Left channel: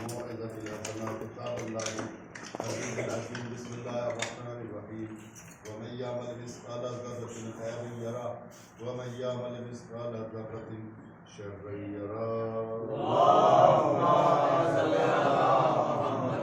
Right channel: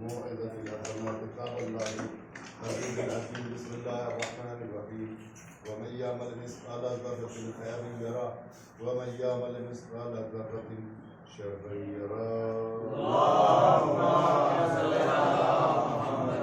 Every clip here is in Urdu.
موعظة حسنة كتاب الله العزيز الحكيم بسم الله الرحمن الرحيم ومن يعمل مثقال ذرة خيرا يره ومن يعمل مثقال ذرة شرا يره. اللهم صل على محمد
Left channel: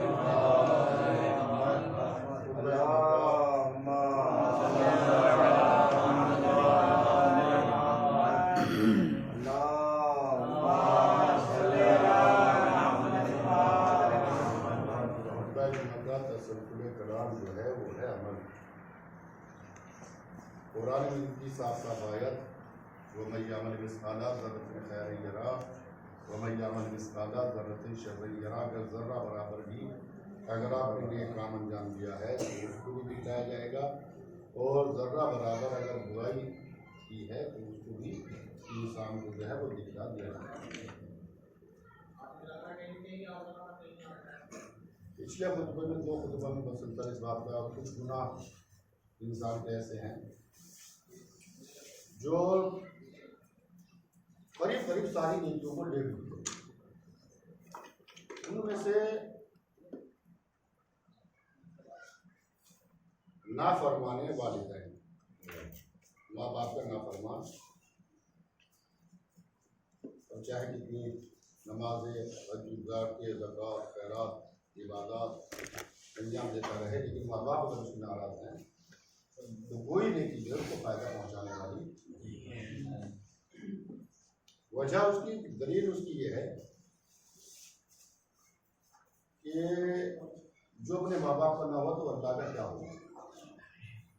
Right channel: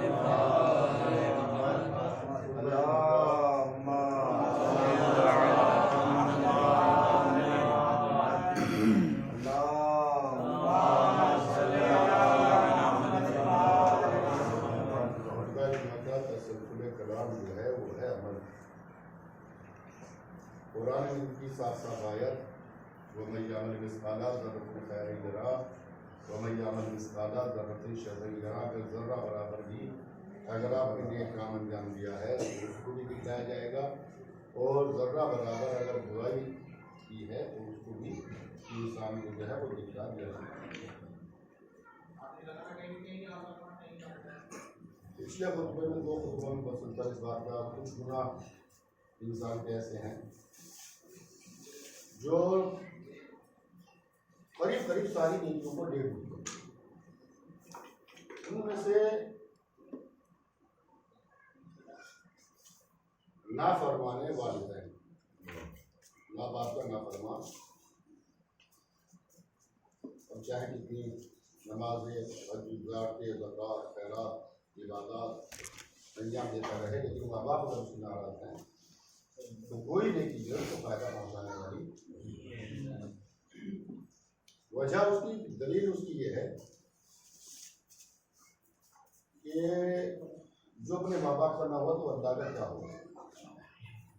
کلام جو ہے وہ ہے عمل. قرآن میں کی صاف صاف آیت وَمَن يَعْمَلْ مِثْقَالَ ذَرَّةٍ خَيْرًا يَرَهُ وَمَن يَعْمَلْ مِثْقَالَ ذَرَّةٍ شَرًّا يَرَهُ. اگر ذرہ برابر بھی اگر آپ نے نیک کام انجام دیا ہے تو اس کو بھی دکھلایا جائے گا، اور ذرہ برابر اگر برائی کی ہے تو اس کو بھی انسان کو جو ہے وہ دکھلا دیا جائے گا. پچھلے خطبے میں 2 خطبوں میں مسلسل اس بات کا کچھ گناہ انسان کے ایسے ہیں جو قریب قریب ساری نیکیوں کو ڈیڑھ دیتے ہیں. ان میں سے نافرمانے والدین، ماں باپ کا نافرمان، اور چاہے کتنی نمازیں، حج، زکوٰۃ، خیرات، عبادات انجام دیتا رہے، لیکن ماں باپ اگر اس سے ناراض ہیں تو کوئی نیکی جو ہے اس کو فائدہ پہنچانے والی. وجہ اس کی دلیل اس کی یہ ہے کہ جو اپنے ماں باپ کا نہ ہو تو اللہ کا کیا ہوگا،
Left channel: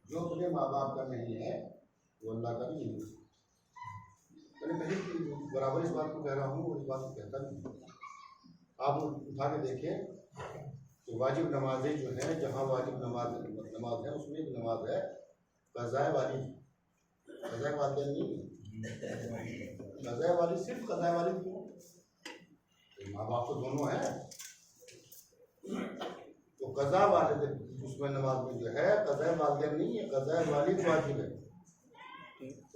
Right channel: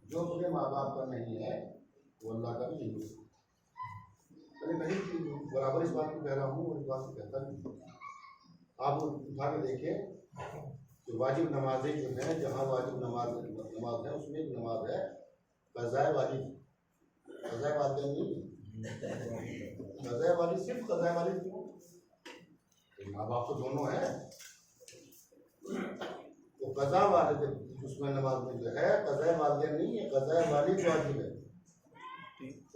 جو اپنے ماں باپ کا نہیں ہے وہ اللہ کا بھی نہیں ہو سکتا. میں نے کہیں برابر اس بات کو کہہ رہا ہوں اور اس بات کو کہتا بھی ہوں. آپ اٹھا کے دیکھیں کہ واجب نمازیں جو ہیں، جہاں واجب نماز ہے اس میں ایک نماز ہے قضائے والی. قضائے والدین نہیں، قضائے والی صرف قضائے والی. کیوں؟ ماں باپ تو دونوں ہیں. تو قضا والد اس میں نماز میں جو ہے قضائے والدین نہیں ہے، قضائے والد واجب ہے.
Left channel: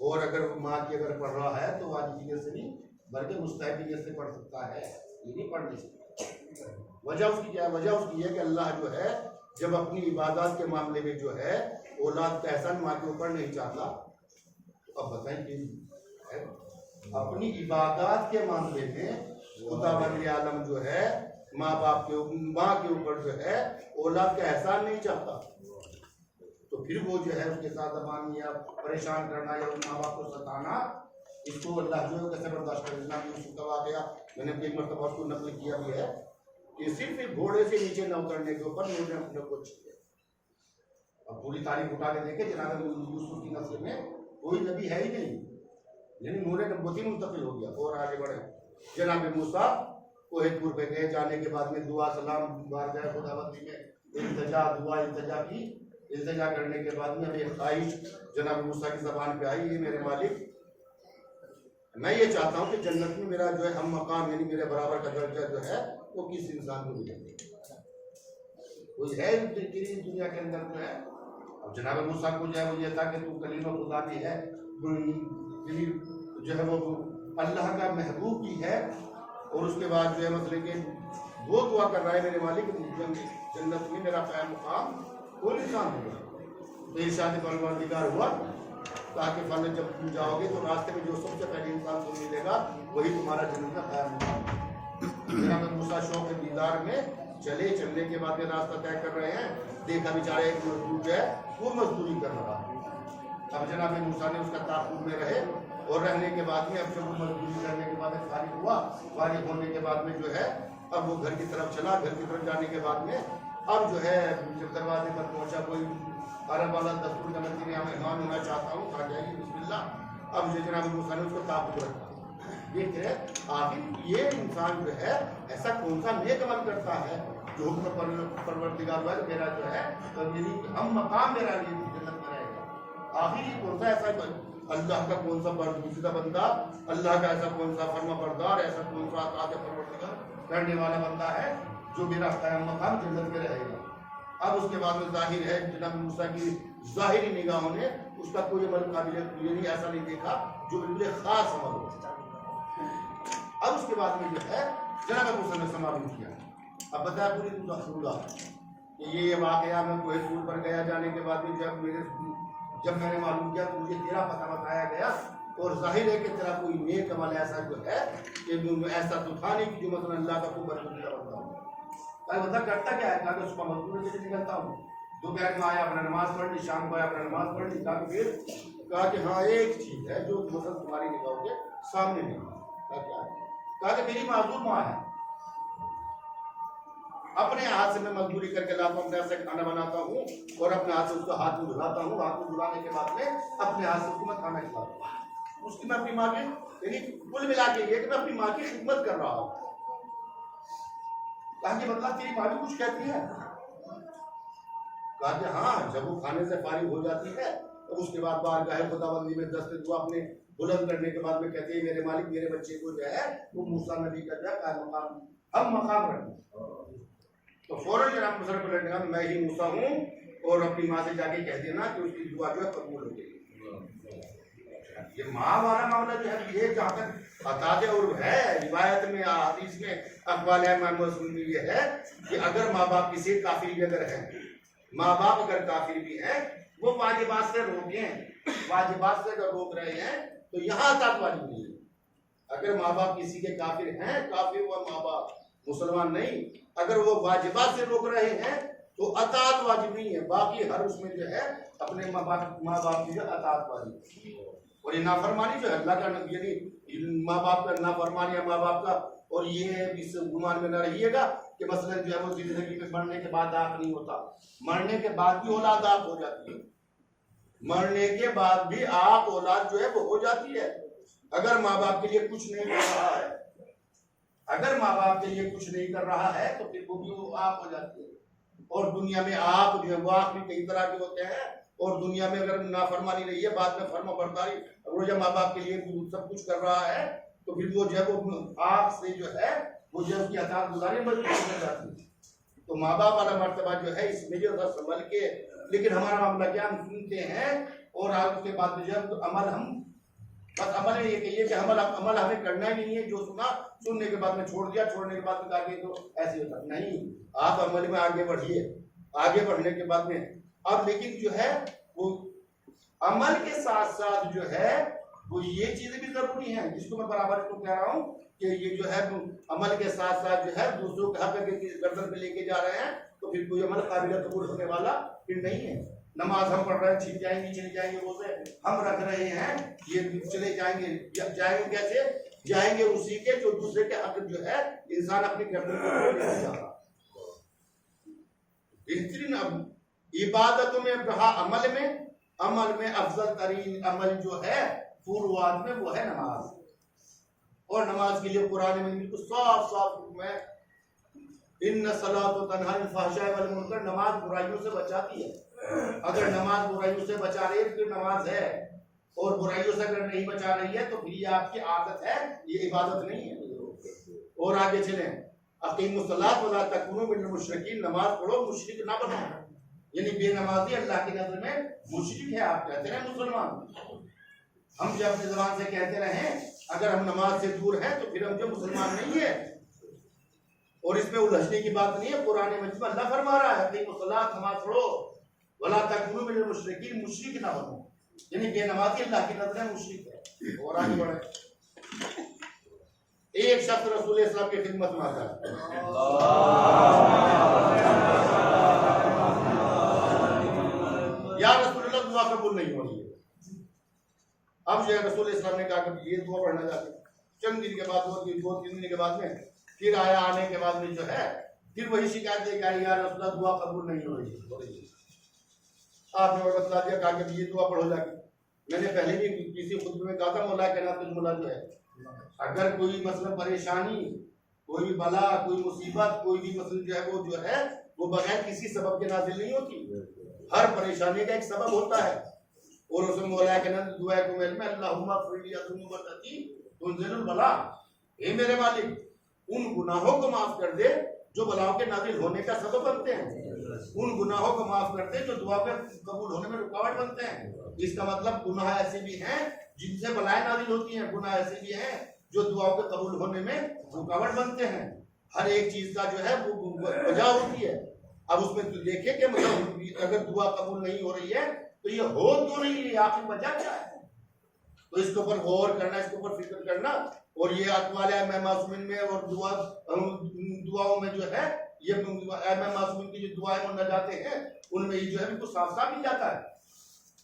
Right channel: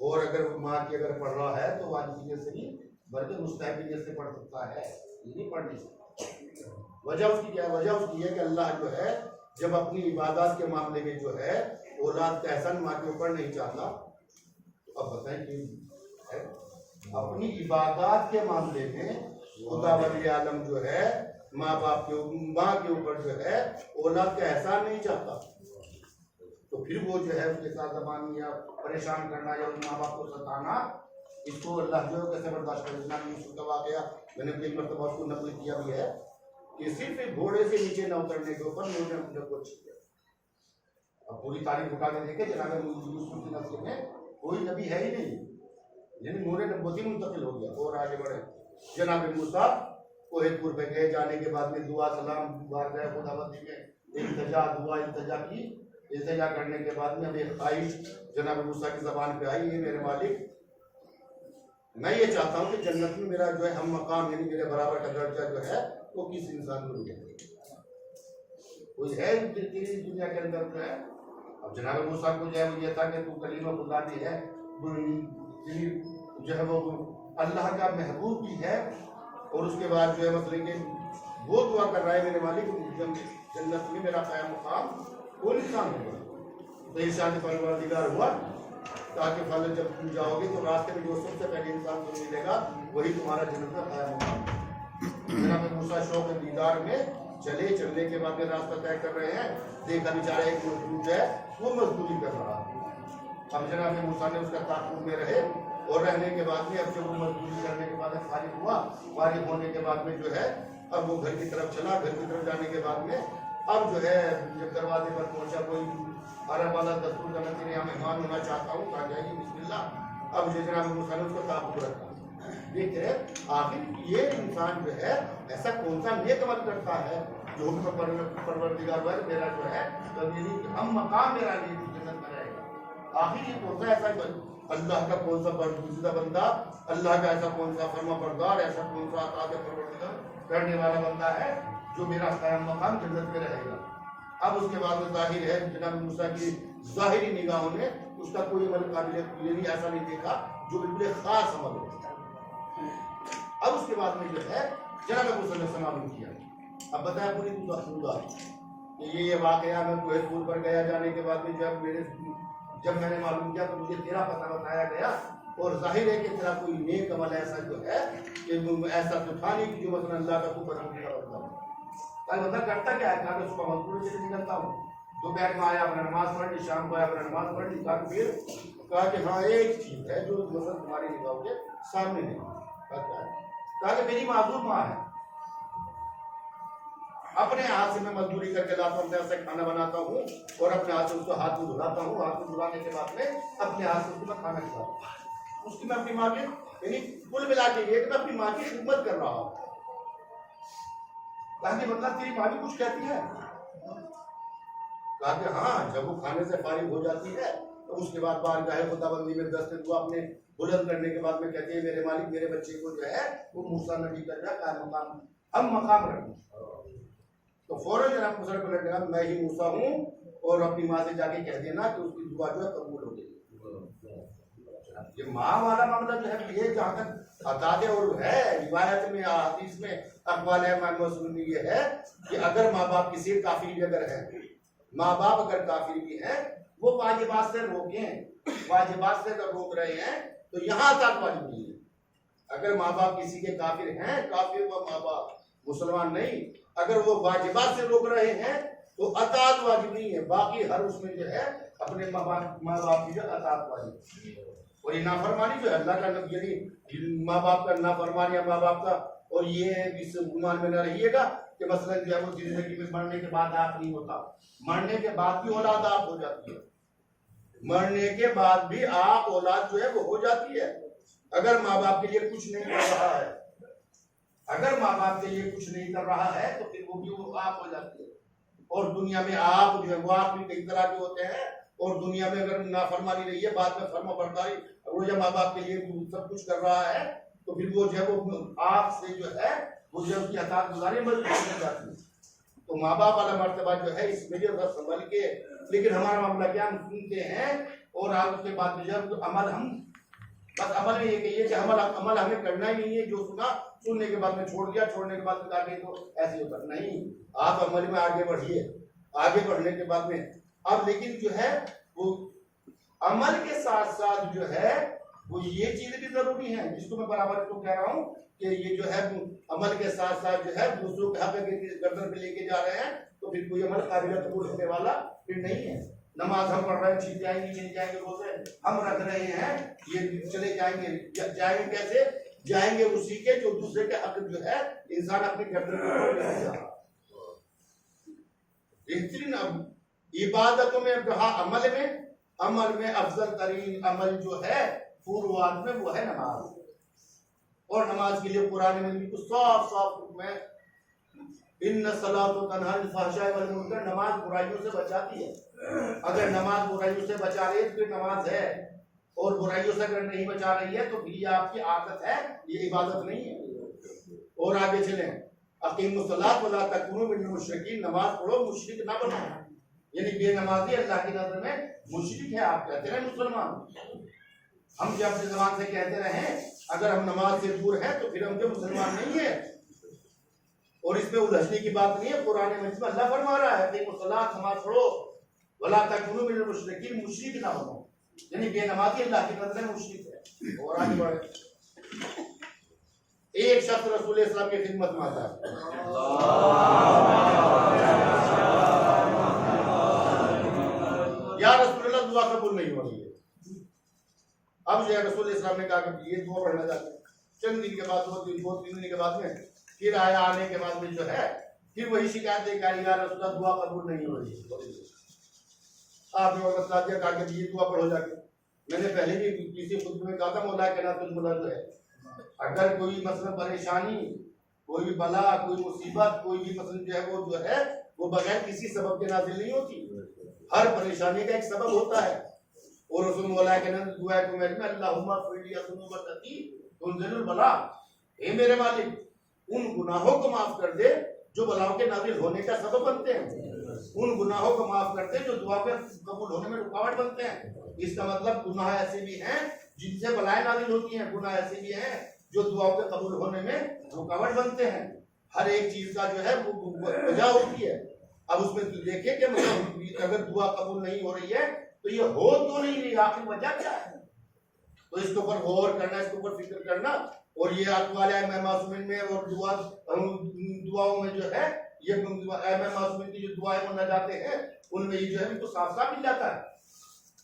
اور اگر ماں کی اگر پڑھ رہا ہے تو واجبیت سے نہیں بلکہ مستحبیت سے پڑھ سکتا ہے، یہ نہیں پڑھ نہیں سکتا. وجہ اس کی کیا ہے؟ وجہ اس کی ہے کہ اللہ جو ہے جب اپنی عبادات کے معاملے میں جو ہے اولاد کا احسان ماں کے اوپر نہیں چاہتا. تو اب بتائیں کہ اپنی عبادات کے معاملے میں خدا ولی عالم جو ہے ماں باپ کے ماں کے اوپر جو ہے اولاد کا احسان نہیں چاہتا، تو پھر وہ جو ہے اس کے ساتھ زبان یا پریشان کرنا یا اس ماں باپ کو ستانا، اس کو اللہ جو ہے کیسے برداشت کرے. جناب یوسف کا واقعہ میں نے ایک مرتبہ اس کو نقل کیا بھی ہے کہ صرف ایک گھوڑے سے نیچے نہ اترنے کے اوپر نور نے اپنے کو چھپیا. اب پوری تاریخ اٹھا کے دیکھیں جناب یوسف کی نسل میں کوئی نبی ہے ہی نہیں، یعنی نور نبوتی منتقل ہو گیا. اور آگے بڑھے جناب موسیٰ کوہ طور پہ گئے، جانے کے بعد میں دعا سلام بار گئے خدا بندی میں التجا دعا التجا کی. التجا کرنے کے بعد میں اب ایک خواہش جناب موسیٰ کی زبان پہ آئی، یہ میرے مالک میں یہ چاہتا ہوں کہ جنت میں میرا جو ہے ہم مقام یعنی میرے برابر کا درجہ جو ہے وہ کس انسان کو ملے. کوئی ہے دنیا کے اندر جو ہے. اب جناب موسیٰ کو جو ہے وہ یہ تھا کہ تو کلیم خدا بھی ہے، جو ہے وہ اللہ کا محبوب بھی ہے، اور اس کے بعد جو ہے مثلا کہ وہ دعا کر رہا ہے میرے مالک جنت میں میرا قیام مقام کون انسان ہوگا. تو ارشاد پروردگار ہوا تاکہ پھل جب تم جاؤ گے تو راستے میں جو سب سے پہلے انسان تمہیں ملے گا وہی تمہارا جنت میں قیام مقام. جناب موسیٰ شوق دیدار میں چلنے کے بعد میں راستہ طے کر رہے ہیں، دیکھا بیچارہ ایک مزدور جو ہے وہ مزدوری کر رہا ہے. اب جناب موسیٰ نے اس کا تعاقب میں رہے، اور رہنے کے بعد میں اب جب وہ مزدوری کرنے کے بعد فارغ ہوا، فارغ ہونے کے بعد میں جو ہے اب وہ گھر کی طرف چلا. گھر کی طرف جانے کے بعد میں اب جو ہے جب دروازے پر پہنچا، کوئی عرب والا دستور کا میں تیرے یہاں مہمان ہونا چاہتا ہوں، کہا جائے گی بسم اللہ. اب جو جناب موسیٰ نے اس کو تعاقب رکھا. یہ کہ آخر یہ انسان جو ہے ایسا کون سا نیک عمل کرتا ہے جو حکم پروردگار ہوا ہے میرا جو ہے ہم مقام میرا لیے جنت میں رہے گا. آخر یہ کون سا ایسا اللہ کا کون سا برگزیدہ بندہ، اللہ کا ایسا کون سا فرما بردار، ایسا کون سا اطاعت پروردگار کرنے والا بندہ ہے جو میرا قیام مقام جنت میں رہے گا. اب اس کے بعد میں ظاہر ہے جناب موسیٰ کی ظاہری نگاہوں نے اس کا کوئی عمل قابل قبول نہیں ایسا نہیں دیکھا جو بالکل خاص عمل ہو. اب اس کے بعد میں جو ہے جناب موسیٰ نے سماعت کیا اب بتایا پوری خدا کہ یہ واقعہ میں کوہ طور پر گیا جانے کے بعد بھی جب میں نے معلوم کیا تو مجھے تیرا پتہ بتایا گیا، اور ظاہر ہے کہ تیرا کوئی نیک عمل ایسا جو ہے کہ ایسا تو تھا نہیں کہ جو مثلا اللہ کا تو برکت کی طرف تھا۔ بتا کرتا کیا ہے؟ کہا کہ صبح مزدوری سے نکلتا ہوں، دوپہر میں آیا اپنا نماز پڑھ لی، شام کو آیا اپنا نماز پڑھ لی، پھر کہا کہ ہاں ایک چیز ہے جو مثلا تمہاری نگاہوں کے سامنے نہیں۔ کہا کیا ہے؟ کہا کہ میری معذور ماں ہے، اپنے ہاتھ سے میں مزدوری کر کے لاتا ہوں، اپنے ہاتھ سے کھانا بناتا ہوں اور اپنے ہاتھ سے اس کو ہاتھ کو دھلاتا ہوں، ہاتھ کو دھلانے کے بعد میں اپنے ہاتھ سے اس کو میں کھانا کھلاتا ہوں، اس کی میں اپنی ماں کے یعنی کل ملا کے یہ کہ میں اپنی ماں کی خدمت کر رہا ہوں۔ کہا کہ مطلب تیری ماں بھی کچھ کہتی ہے؟ کہا کہ ہاں، جب وہ کھانے سے فارغ ہو جاتی ہے تو اس کے بعد بارگاہ خداوندی میں دست دعا اپنے بلند کرنے کے بعد میں کہتے ہیں میرے مالک میرے بچے کو جو ہے وہ موسیٰ نبی کا جو ہے قائم مقام ہم مقام رکھیں۔ تو فوراً جناب مصر کو لگا میں ہی موسیٰ ہوں، اور اپنی ماں سے جا کے کہہ دینا کہ اس کی دعا جو ہے قبول ہو گئی۔ یہ ماں والا معاملہ جو ہے یہ جہاں تک عقائد اور ہے روایت میں حدیث میں اقوال میں یہ ہے کہ اگر ماں باپ کسی کافر بھی اگر ہیں، ماں باپ اگر کافر بھی ہیں، وہ واجبات سے روکیں، واجبات سے اگر روک رہے ہیں تو یہاں تک واجب نہیں ہے۔ اگر ماں باپ کسی کے کافر ہیں، کافر ہوا ماں باپ مسلمان نہیں، اگر وہ واجبات سے روک رہے ہیں تو اطاعت واجب نہیں ہے، باقی ہر اس میں جو ہے اپنے ماں باپ کی جو اطاعت واجب ہے۔ اور یہ نافرمانی جو ہے اللہ کا نبی یعنی ماں باپ کا نافرمانی ہے ماں باپ کا، اور یہ اس گمان میں نہ رہیے گا کہ مثلا جو ہے وہ زندگی میں مرنے کے بعد آپ نہیں ہوتا، مرنے کے بعد بھی اولاد آپ ہو جاتی ہے، مرنے کے بعد بھی آپ اولاد جو ہے وہ ہو جاتی ہے۔ اگر ماں باپ کے لیے کچھ نہیں کر رہا ہے، اگر ماں باپ کے لیے کچھ نہیں کر رہا ہے تو پھر وہ بھی وہ آپ ہو جاتی ہے۔ اور دنیا میں آپ جو ہے وہ آپ بھی کئی طرح کے ہوتے ہیں، اور دنیا میں اگر نافرمانی رہی ہے بعد میں فرما برداری، اگر وہ جب ماں باپ کے لیے سب کچھ کر رہا ہے تو پھر وہ جو ہے وہ آپ سے جو ہے وہ جو اس کی اطاعت گزاری مجبور ہو جاتی ہے۔ تو ماں باپ والا مرتبہ جو ہے اس میں جو ہے سنبھل کے، لیکن ہمارا معاملہ کیا ہم سنتے ہیں اور آپ اس کے بعد جب عمل ہم بس عمل میں یہ کہیے کہ عمل ہمیں کرنا ہی نہیں ہے، جو سنا سننے کے بعد میں چھوڑ دیا، چھوڑنے کے بعد میں کہا کہ تو ایسے ہوتا نہیں، آپ عمل میں آگے بڑھیے، آگے بڑھنے کے بعد میں اب لیکن جو ہے وہ عمل کے ساتھ ساتھ جو ہے وہ یہ چیزیں بھی ضروری ہیں جس کو میں برابر اس کو کہہ رہا ہوں کہ یہ جو ہے عمل کے ساتھ ساتھ جو ہے دوسروں کے حق گردن پہ لے کے جا رہے ہیں تو پھر کوئی عمل قابل قبول ہونے والا پھر نہیں ہے۔ نماز ہم پڑھ رہے ہیں، چھپ جائیں گے چلے جائیں گے، روزے ہم رکھ رہے ہیں، یہ چلے جائیں گے، جائیں گے کیسے؟ جائیں گے اسی کے جو دوسرے کے حق جو ہے انسان اپنے گردن کے اوپر لے کے جا رہا۔ بہترین عبادتوں میں کہا عمل میں افضل ترین عمل جو ہے فروعات میں وہ ہے نماز، اور نماز کے لیے قرآن میں بالکل صاف صاف حکم ہے، ان الصلاۃ تنہی عن الفحشاء والمنکر، نماز برائیوں سے بچاتی ہے۔ اگر نماز برائیوں سے بچا رہی ہے تو پھر نماز ہے، اور برائیوں سے اگر نہیں بچا رہی ہے تو پھر یہ آپ کی عادت ہے، یہ عبادت نہیں ہے۔ اور آگے چلیں، اقیموا الصلاۃ ولا تکونوا من المشرکین، نماز پڑھو مشرک نہ بنو، یعنی بے نمازی اللہ کی نظر میں مشرک ہے۔ آپ کہتے رہے مسلمان، ہم جب اپنی زبان سے کہتے رہیں اگر ہم نماز سے دور ہیں تو پھر ہم جو مسلمان نہیں ہیں، اور اس میں الجھنے کی بات نہیں ہے۔ قرآن مجید میں اللہ فرما رہا ہے کہ الصلاۃ، نماز پڑھو، ولا تکونوا من المشرکین، مشرک نہ بنو، یعنی بے نمازی اللہ کی نظر میں مشرک ہے۔ اور آگے بڑھے، ایک شخص رسول اسلام کی خدمت میں آتا ہے، یا رسول اللہ دعا قبول نہیں ہو رہی ہے۔ اب جو ہے رسول اسلام نے کہا کہ یہ دعا پڑھنا چاہتے ہیں۔ چند دن کے بعد دو تین دن کے بعد میں پھر آیا، آنے کے بعد میں جو ہے پھر وہی شکایت لے کے آئی، یا رسول اللہ دعا قبول نہیں ہو رہی ہے۔ آپ نے بتا دیا، کہا کہ یہ دعا پڑھو جا کے۔ میں نے پہلے بھی کسی خطبے میں کہا تھا مولا کے نام تجھ مولا جو ہے اگر کوئی مثلا پریشانی، کوئی بھی بلا، کوئی مصیبت، کوئی بھی مثلا جو ہے وہ بغیر کسی سبب کے نازل نہیں ہوتی، ہر پریشانی کا ایک سبب ہوتا ہے۔ اور اس میں مولا کے نام دعا کو میں اللہم اغفر لی ذنوب التي تنزل البلاء، اے میرے مالک ان گناہوں کو معاف کر دے جو بلاؤں کے نازل ہونے کا سبب بنتے ہیں، ان گناہوں کو معاف کر دے جو دعا کے قبول ہونے میں رکاوٹ بنتے ہیں۔ اس کا مطلب گناہ ایسے بھی ہیں جن سے بلائیں نازل ہوتی ہیں، گناہ ایسے بھی ہیں جو دعاؤں کے قبول ہونے میں رکاوٹ بنتے ہیں۔ ہر ایک چیز کا جو ہے وہ وجہ ہوتی ہے. اب اس میں دیکھیں کہ مطلب اگر دعا قبول نہیں ہو رہی ہے تو یہ ہو تو نہیں رہی، آخر وجہ کیا ہے؟ تو اس کے اوپر غور کرنا، اس کے اوپر فکر کرنا. اور یہ اقوال ائمہ معصومین میں اور دعاؤں میں جو ہے یہ ائمہ معصومین کی جو دعائیں مناجاتیں ہیں ان میں یہ جو ہے بالکل صاف صاف مل جاتا ہے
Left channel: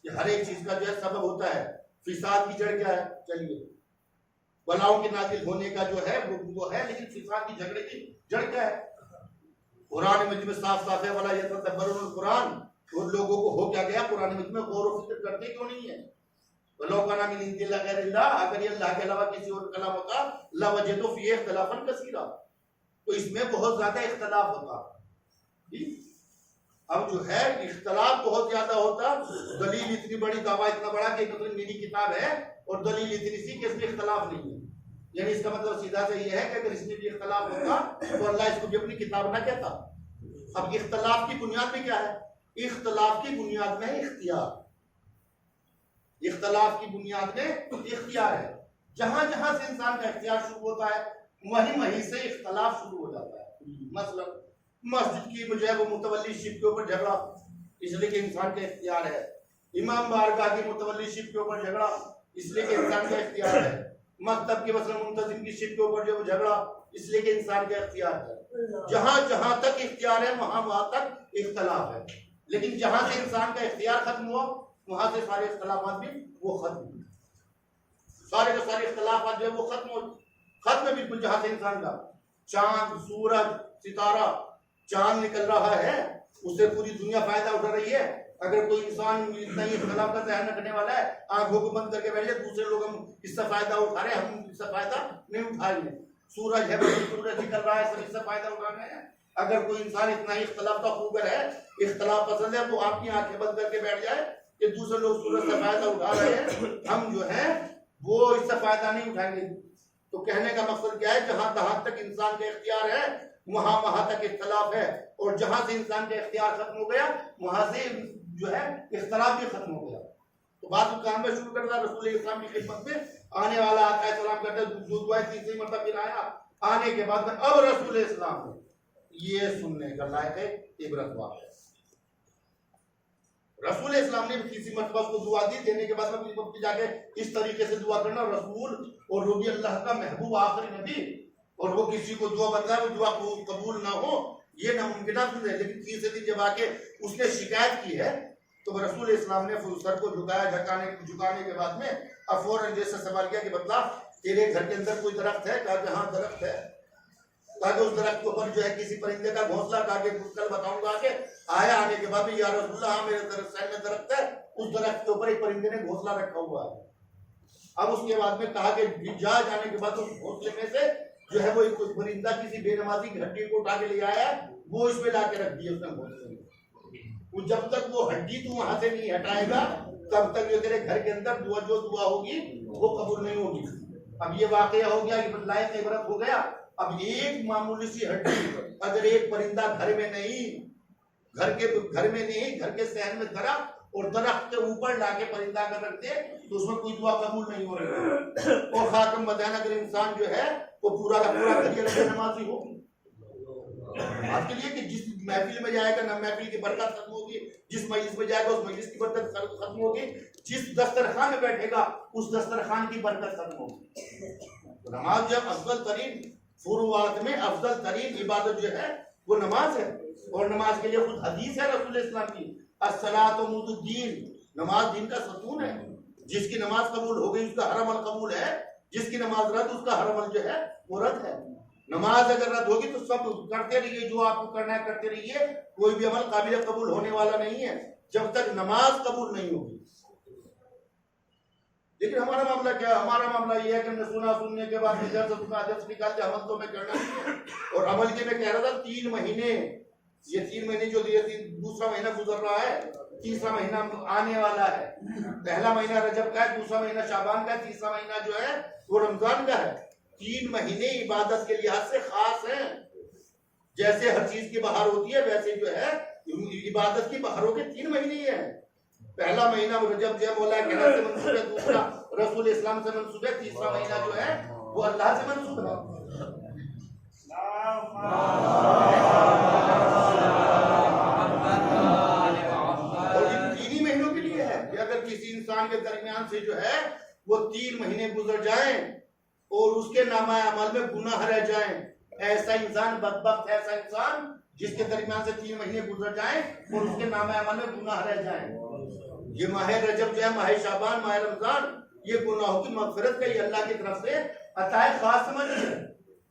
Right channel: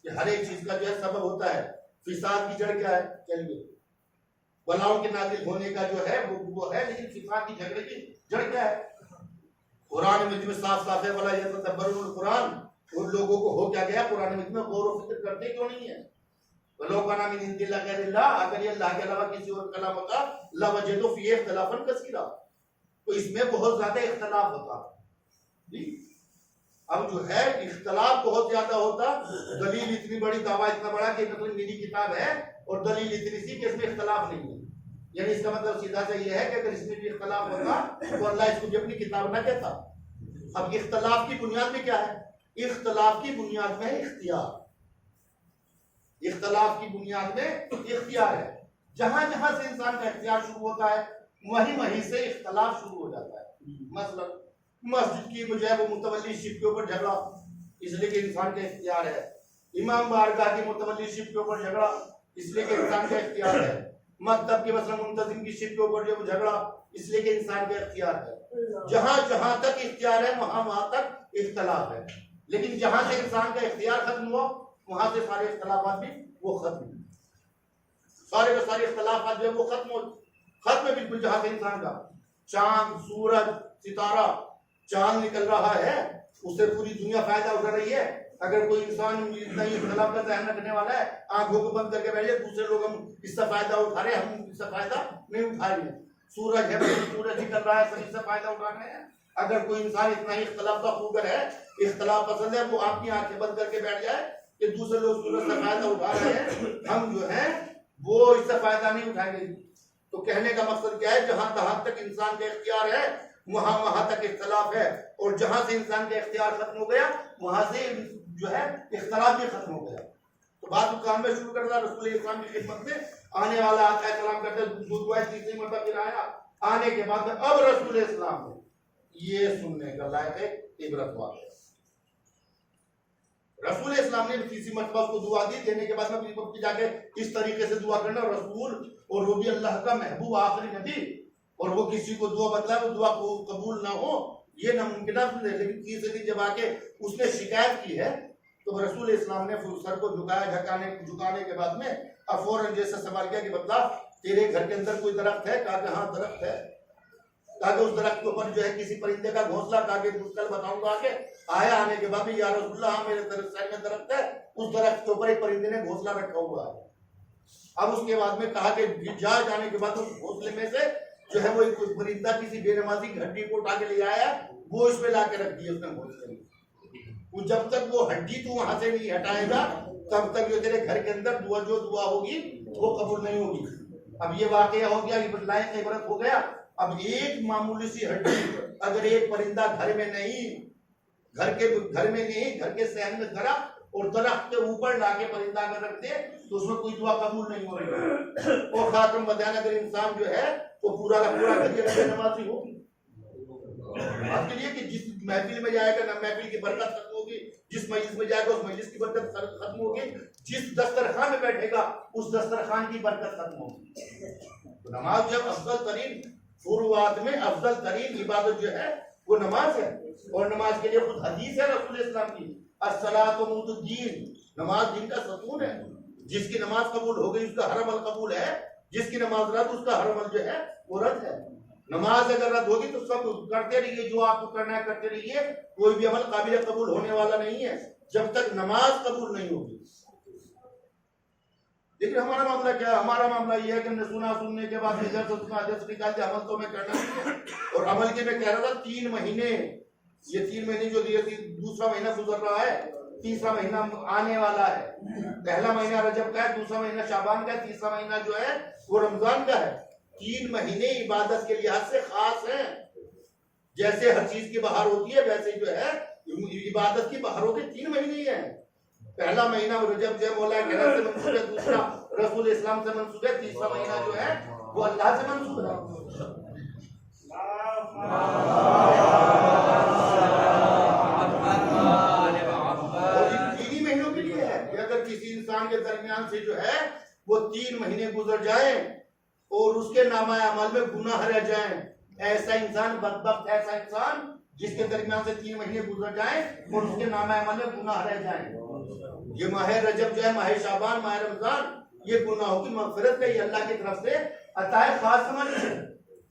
کہ ہر ایک چیز کا جو ہے سبب ہوتا ہے. فساد کی جڑ کیا ہے؟ چلیے بلاؤں کے نازل ہونے کا جو ہے وہ ہے، لیکن فساد کی جھگڑے کی جڑ کیا ہے؟ قرآن مجید میں صاف صاف ہے ولا یتدبرون القرآن. ان لوگوں کو ہو کیا گیا؟ قرآن مجید میں غور و فکر کرتے کیوں نہیں ہے؟ وَلَوْ كَانَ مِنْ عِنْدِ اللَّهِ غَيْرِ اللَّهِ، اگر یہ اللہ کے علاوہ کسی اور کلام ہوتا لَوَجَدُوا فِيهِ اخْتِلَافًا كَثِيرًا، تو اس میں بہت زیادہ اختلاف ہوتا. اب جو ہے اختلاف بہت زیادہ ہوتا. دلیل اتنی بڑی، دعویٰ اتنا بڑا کہ مطلب میری کتاب ہے اور دلیل اتنی سی کہ اس میں اختلاف نہیں ہے. یعنی اس کا مطلب سیدھا سے یہ ہے کہ اگر اس میں بھی اختلاف ہوتا تو اللہ اس کو بھی اپنی کتاب نہ کہتا. اب اختلاف کی بنیاد میں کیا ہے؟ اختلاف کی بنیاد میں اختیار. اختلاف کی بنیاد میں اختیار ہے. جہاں جہاں سے انسان کا اختیار شروع ہوتا ہے وہیں سے اختلاف شروع ہو جاتا ہے. مثلا مسجد کی جو ہے وہ متولی شپ کے اوپر جھگڑا، اس لیے کہ انسان کا اختیار ہے. امام بارگاہ کی متولی شپ کے اوپر جھگڑا، اس لیے کہ انسان کا اختیار ہے. مکتب کے مثلا منتظم کی شپ کے اوپر جو جھگڑا، اس لیے کہ انسان کا اختیار ہے. جہاں جہاں تک اختیار ہے وہاں تک اختلاف ہے. لیکن جہاں سے انسان کا اختیار ختم ہوا وہاں سے سارے اختلافات بھی وہ ختم ہوئے. سارے کے سارے اختلافات جو ہے وہ ختم ہے بالکل. جہاں سے انسان کا چاند، سورج، ستارہ، چاند نکل رہا ہے اس سے پوری دنیا فائدہ اٹھا رہی ہے. اگر کوئی انسان اتنا ہی اختلاف کا ذہن رکھنے والا ہے، آنکھوں کو بند کر کے بیٹھ جائے دوسرے لوگ ہم اس سے فائدہ اٹھا رہے ہیں، ہم اس سے فائدہ نہیں اٹھا رہے ہیں. سورج ہے، سورج نکل رہا ہے، سب اس سے فائدہ اٹھا رہے ہیں. اگر کوئی انسان اتنا ہی اختلاف کا خوگر ہے، اختلاف پسند ہے، وہ آپ کی آنکھیں بند کر کے بیٹھ جائے کہ دوسرے لوگ سورج سے فائدہ اٹھا رہے ہیں، ہم جو ہے وہ اس سے فائدہ نہیں اٹھائیں گے. تو کہنے کا مقصد کیا ہے؟ جہاں تک انسان کا اختیار ہے وہاں تک اختلاف ہے، اور جہاں سے انسان کا اختیار ختم ہو گیا وہاں سے جو ہے اختلاف بھی ختم ہو گیا. تو بات کام میں شروع کرتا رسول اسلام کی خدمت میں آنے والا آتا ہے، سلام کرتے دو دعائیں تیسری مرتبہ پھر آیا. آنے کے بعد میں اب رسول اسلام نے یہ سننے کا لائق ہے عبرت واقع. رسول اسلام نے تیسری مرتبہ کو دعا دی. دینے کے بعد میں جا کے اس طریقے سے دعا کرنا، رسول اور وہ بھی اللہ کا محبوب آخری نبی، اور وہ کسی کو دعا بتلائے وہ دعا کو قبول نہ ہو یہ ناممکن ہے. لیکن تیسرے دن جب آ کے اس نے شکایت کی ہے تو رسول اسلام نے سر کو جھکایا. جھکانے کے بعد میں اب فوراً جیسے سوال کیا کہ بتلا تیرے گھر کے اندر کوئی درخت ہے؟ کہا کہ ہاں درخت ہے. کہا کہ اس درخت کے اوپر جو ہے کسی پرندے کا گھونسلہ؟ کہا کہ کل بتاؤں گا. کہ آیا آنے کے بعد یا رسول اللہ ہاں میرے سائڈ میں درخت ہے، اس درخت کے اوپر ایک پرندے نے گھونسلہ رکھا ہوا ہے. اب اس کے بعد میں کہا کہ جانے کے بعد اس گھونسلے میں سے جو ہے وہ ایک پرندہ کسی بے نمازی کی ہڈی کو اٹھا کے لے آیا، وہ اس پہ لا کے رکھ دیا اس نے گھونسلے میں. وہ جب تک وہ ہڈی تو وہاں سے نہیں ہٹائے گا تب تک جو تیرے گھر کے اندر جو دعا ہوگی وہ قبول نہیں ہوگی. اب یہ واقعہ ہو گیا، لائق عبرت ہو گیا. اب ایک معمولی سی ہڈی اگر ایک پرندہ گھر میں نہیں، گھر کے صحن میں درخت اور درخت کے اوپر لا کے پرندہ اگر رکھ دے تو اس میں کوئی دعا قبول نہیں ہو رہی. اور خاتم بدین اگر انسان جو ہے وہ پورا کا پورا کریے نمازی ہو آپ کے لیے کہ جس محفل میں جائے گا محفل کی برکت ختم ہوگی، جس مجلس میں جائے گا اس مجلس کی برکت ختم ہوگی، جس دسترخوان میں بیٹھے گا اس دسترخوان کی برکت ختم ہوگی. تو نماز جو ہے افضل ترین فروعات میں افضل ترین عبادت جو ہے وہ نماز ہے. اور نماز کے لیے خود حدیث ہے رسول اسلام کی، الصلاۃ عمود الدین، نماز دین کا ستون ہے. جس کی نماز قبول ہو گئی اس کا ہر عمل قبول ہے، جس کی نماز رد اس کا ہر عمل جو ہے وہ رد ہے. نماز اگر رد ہوگی تو سب کرتے رہیے جو آپ کو کرنا ہے کرتے رہیے، کوئی بھی عمل قابل قبول ہونے والا نہیں ہے جب تک نماز قبول نہیں ہوگی. لیکن ہمارا معاملہ کیا ہے؟ ہمارا معاملہ یہ ہے کہ سننے کے بعد جلد نکالتے عمل تو میں کرنا نہیں ہے. اور عمل کے میں کہہ رہا تھا 3 مہینے، یہ 3 مہینے جو دوسرا مہینہ گزر رہا ہے، تیسرا مہینہ آنے والا ہے. پہلا مہینہ رجب کا ہے، دوسرا مہینہ شعبان کا ہے، تیسرا مہینہ جو ہے وہ رمضان کا ہے. 3 مہینے عبادت کے لحاظ سے خاص ہیں. جیسے ہر چیز کی بہار ہوتی ہے ویسے جو ہے عبادت کی بہاروں کے 3 مہینے ہی ہیں. پہلا مہینہ رجب جو ہے مولا کریم سے منسوب ہے، دوسرا رسول اسلام سے منسوب ہے، تیسرا مہینہ جو ہے وہ اللہ سے منسوب ہے. اور یہ 3 ہی مہینوں کے لیے ہے کہ اگر کسی انسان کے درمیان سے جو ہے وہ 3 مہینے گزر جائیں اور اس کے نامہ عمل میں گناہ رہ جائیں، ایسا انسان بدبخت، ایسا انسان جس کے درمیان سے 3 مہینے گزر جائیں اور اس کے نامہ عمل میں گناہ رہ جائیں۔ یہ ماہ رجب جو ہے، ماہ شعبان، ماہ رمضان، یہ گناہوں کی مغفرت کا یہ اللہ کی طرف سے عطا خاص سمجھ ہے۔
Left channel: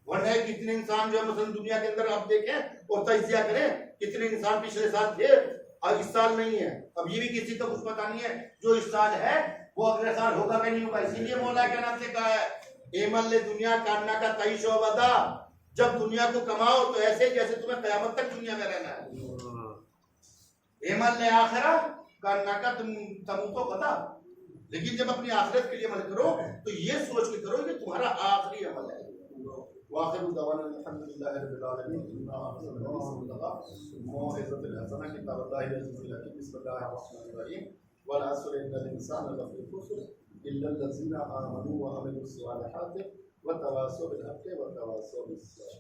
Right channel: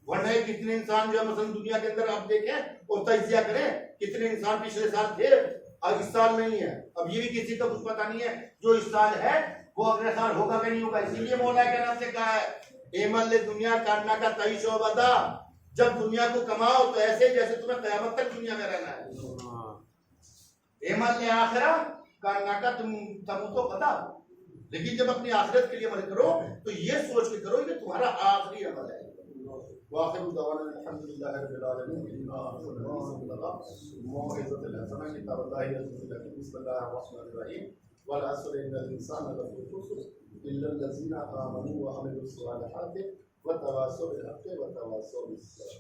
ورنہ کتنے انسان جو ہے مثلا دنیا کے اندر آپ دیکھیں اور تجزیہ کریں، کتنے انسان پچھلے سال تھے اور اس سال نہیں ہے۔ اب یہ بھی کسی کا کچھ پتہ نہیں ہے جو اس سال ہے وہ اگلے سال ہوگا کہ نہیں ہوگا۔ اسی لیے مولا کرام نے کہا ہے ایمن دنیا کاننا کا تعیش و بدا، جب دنیا کو کماؤ تو ایسے جیسے تمہیں قیامت تک دنیا میں رہنا ہے۔ ایمن آخرہ کاننا کا تموتو غدا، لیکن جب اپنی آخرت کے لیے عمل کرو تو یہ سوچ کے کرو کہ تمہارا آخری عمل ہے۔ واخر دعوانا الحمدللہ رب العالمین۔ موعظۃ الحسنہ کتاب اللہ عز وجل۔ بسم اللہ الرحمن الرحیم۔ والعصر ان الانسان لفی خسر الا الذین آمنوا وعملوا الصالحات وتواصوا بالحق وتواصوا بالصبر۔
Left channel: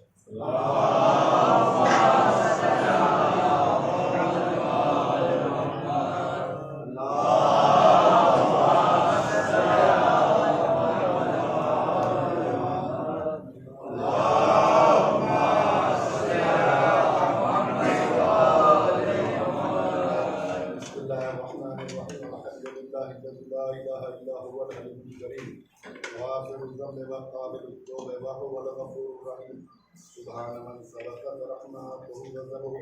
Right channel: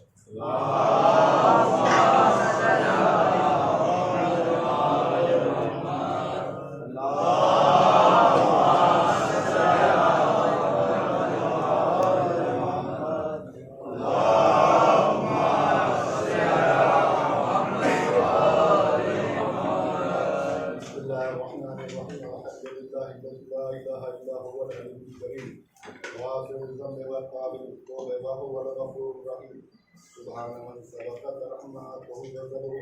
سبحان من سبقت رحمته وغضبه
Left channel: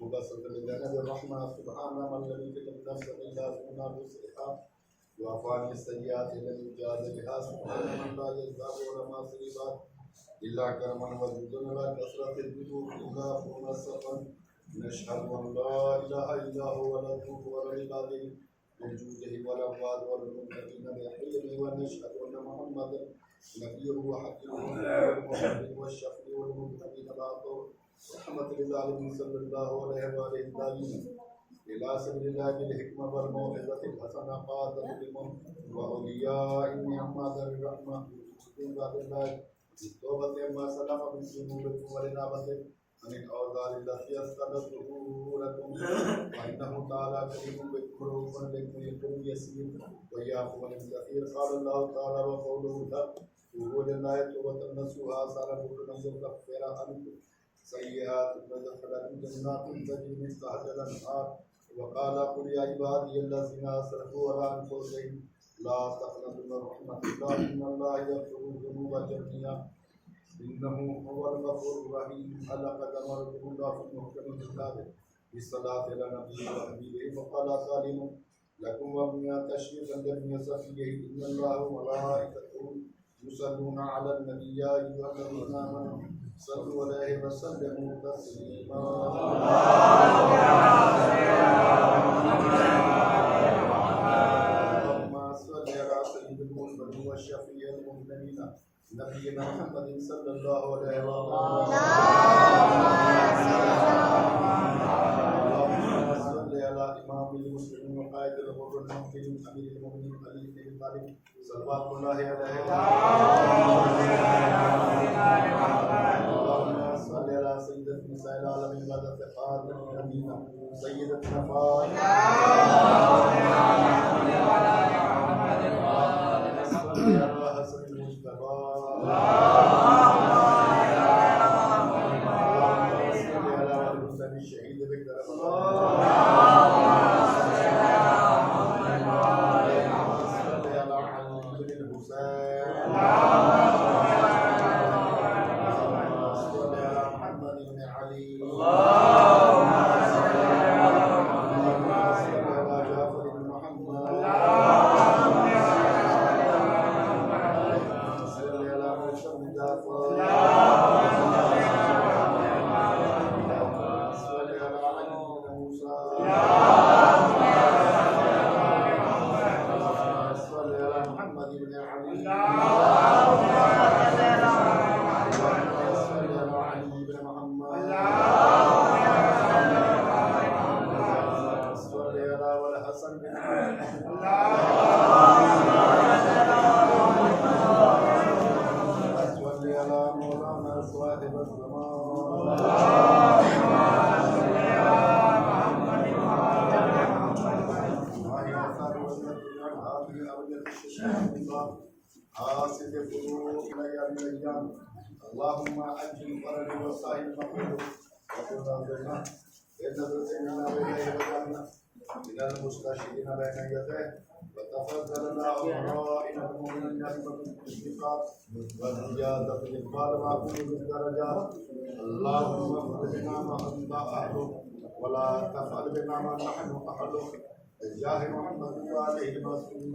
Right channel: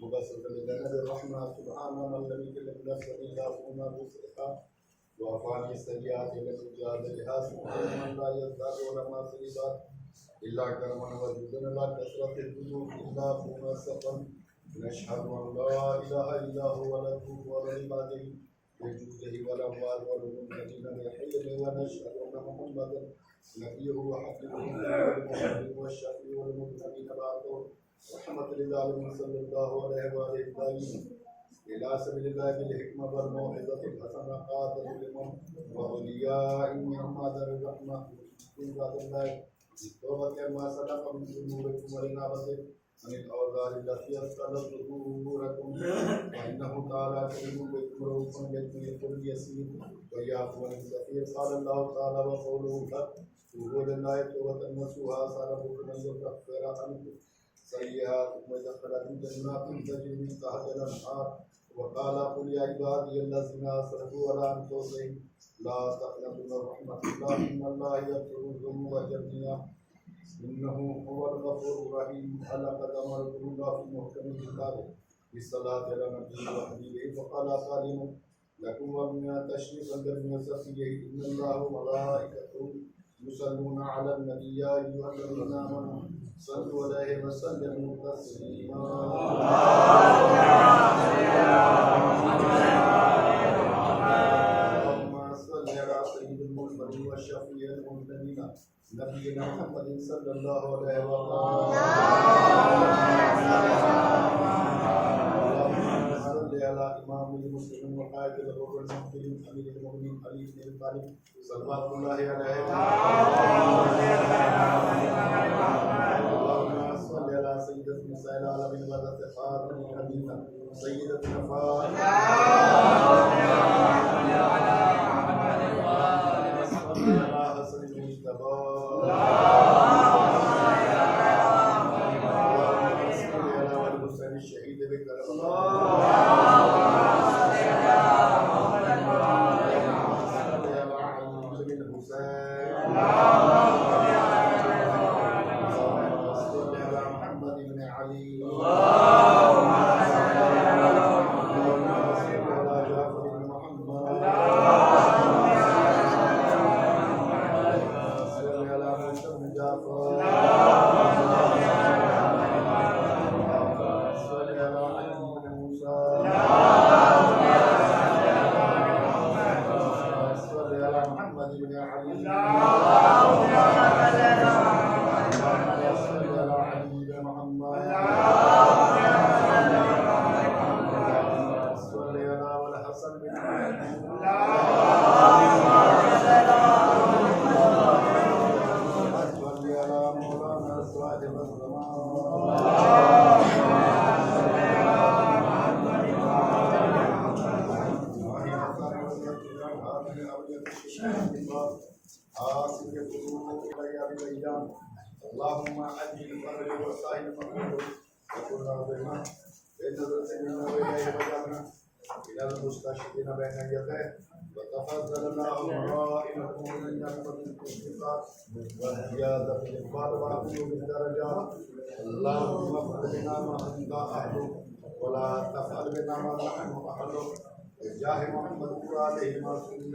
مبسط لجنب الرحمة سبحان من لم يكلف نفسا إلا كنا مسرحا وعفان السيئات لم يجاز بها سبحان من لا يزداد ولا ما سيبات إلا كرما وجودا لا كثرة الذنوب إلا كنا سفا نشهد أن لا إله إلا هو ونتوب على عباده بجوده والأموال والمنكرين بحلمه ونشهد أن محمدا نبيه وحكيمه والمحمد والشفيع والمبتغين بعده رحمة للعالمين صلى الله عليه وآله الطاهرين إلى سبيل الله بالحكمة والموعظة الحسنة قادة لمن وأولياء النعمة ذر الرحمة من بعد الله بالتوبة عما سلف من ذنوبكم والإنابة عن الأوزار التي أسقطت ظهوركم فإنه تعالى كريم بكم رؤوف بكم يغفر اليسير ويعفو عن الكثير قال الله تعالى وقوله الحق توبوا لله توبة نصوحا سأل بكم أن يكفر عنكم سيئاتكم ويدخلكم جنات تجري من تحتها الأنهار وقال قل يا عبادي الذين أسرفوا على أنفسهم لا تقنطوا من رحمة الله إن الله يغفر الذنوب جميعا إنه هو الغفور الرحيم لقد أمركم الله في محكم كتابه بالصلاة على نبيه وحبيبه فقال سالم لكم ومن تشريفا لم يصفيه إن الله وملائكته يصلون على النبي يا أيها الذين آمنوا صلوا عليه وسلموا تسليما اللهم صل على سيد المرسلين والشفيع المذنبين نبينا محمد صلى الله عليه وسلم اللهم صل على إمام المسلمين وقائد الغر المحفلين أمير المؤمنين علي بن أبي طالب صلوات الله عليه اللهم صل على سيدة نساء العالمين وذات خاتم النبيين سيدتنا فاطمة حاسب قلوب ليالي الأيام اللهم أجل فرج وسائل المقبول وكل ربنا بنظرة منا وإليه وجعلنا من المستشهدين بين يديه وتفضلنا أمرائنا المؤمنين بنعمة الانتقام والزيادة في الإقبال وعقول بالدرجات اللهم اغفر لنا ما أنت أهله ولا تفعل بنا ما نحن أهله بجاه محمد وآله المعصومين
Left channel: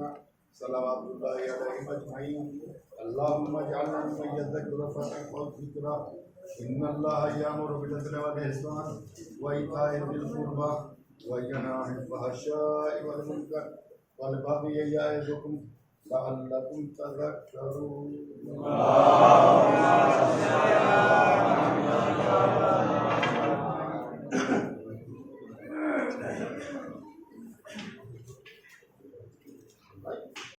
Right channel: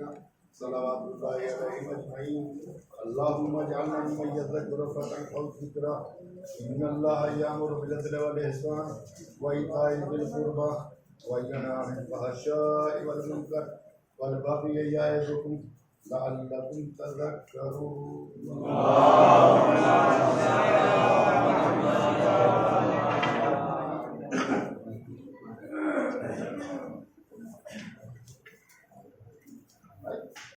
صلوات الله عليهم أجمعين اللهم اجعلنا ممن يذكر فتنفع الذكرى إن الله يأمر بالعدل والإحسان وإيتاء ذي القربى وينهى عن الفحشاء والمنكر والبغي يعظكم لعلكم تذكرون.